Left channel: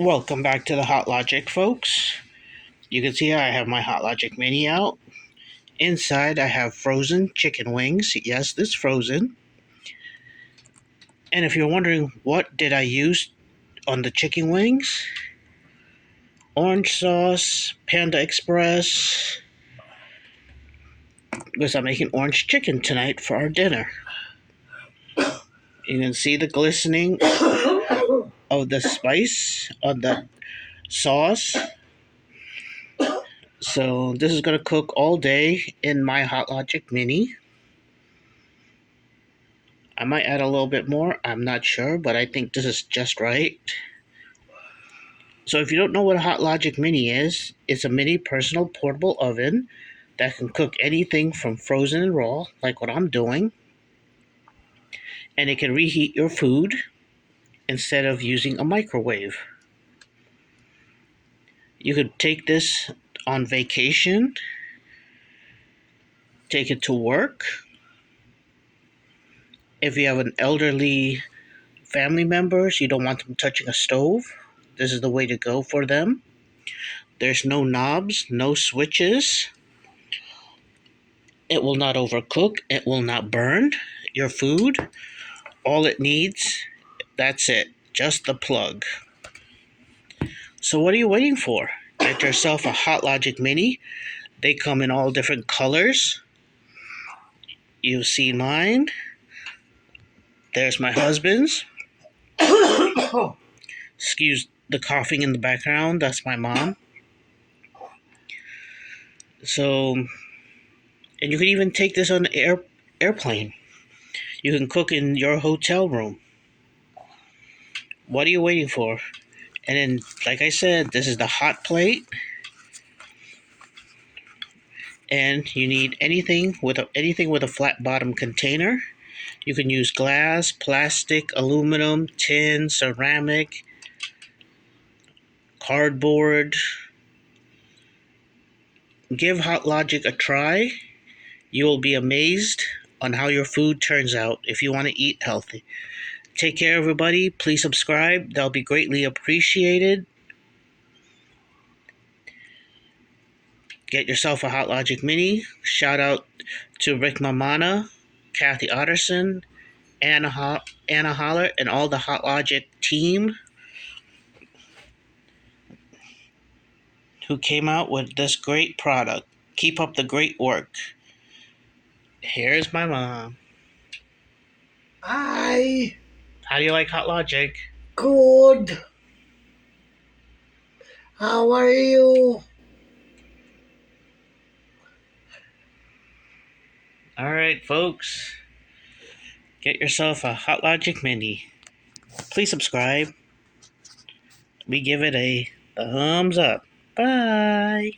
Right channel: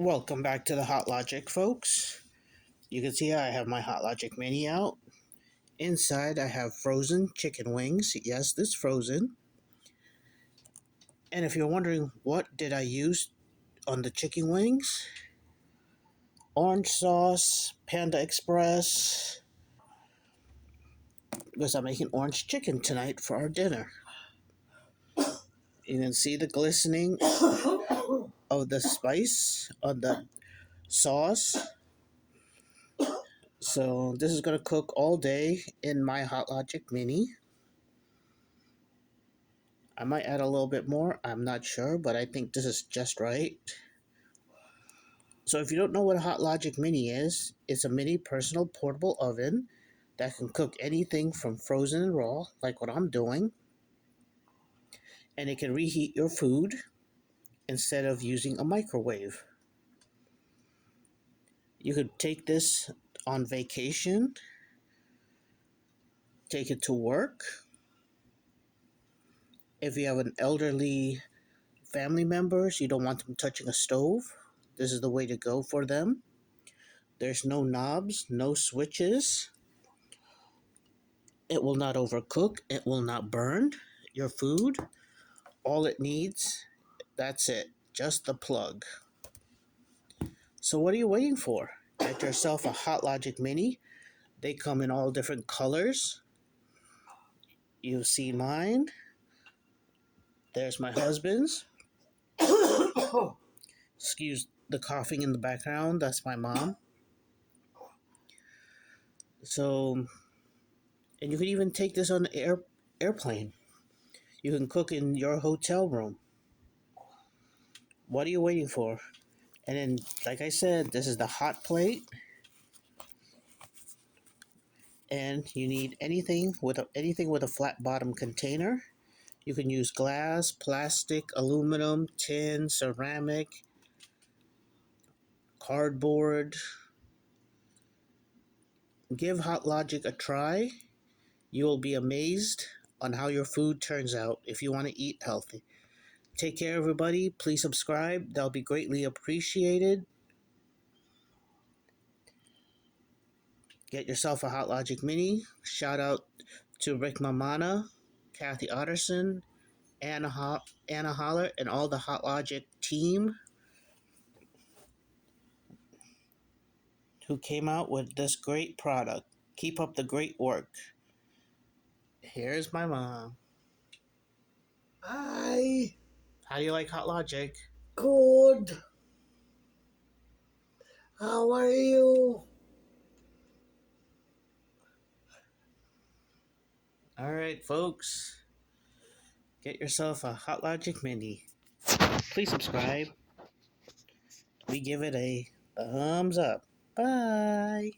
Welcome back to the hotlogic, folks. You can see I have my hotlogic mini out. Inside I have frozen chicken wings. Yes, this frozen. And if you're wondering what did I use on the chicken wings, orange sauce, Panda Express, because I'm making orange chicken tonight for our dinner. You can see the glistening of the spice on the sauce. So this is going to cook all day in my hotlogic mini. I might add a little bit more, I'm not sure, but I think this is just right. So if you don't know what a hotlogic mini is, it's a mini personal portable oven that can cook anything from frozen and raw, like what I'm doing, and it can reheat your food instead of using a microwave. You could take this on vacation, take it to work. If you have an elderly family members, you don't want them touching a stove, this is the way to go for them. There's no knobs, no switches. It will not overcook. It will not burn your food. All it needs, that's it. Just the plug. So what are you waiting for? Get yourself a hotlogic mini. They come in all different colors. You see mine. There's my husband's. Excuse the coughing in the background. That's my mom. So, and you can even take this on the airplane. You can cook in your hotel room. What are you waiting for? And then, like I said, this is the hot plate. And you need anything with a flat bottom container. You can use glass, plastic, aluminum, tin, ceramic, cardboard. Give hotlogic a try. You will be amazed on how your food turns out if you want to eat healthy. Take care, everybody. Please subscribe. That'll be greatly appreciated. Get yourself a hotlogic mini. Shout out to Rick Mamana, Kathy Otterson, Anna Holler, and all the hotlogic team who came out with this great product. Keep up the great work. Here's my mom. Hi. How do you like hotlogic? Good. How are you? Alright, folks. Get yourself a hotlogic mini. Please subscribe. We give it a thumbs up. Bye.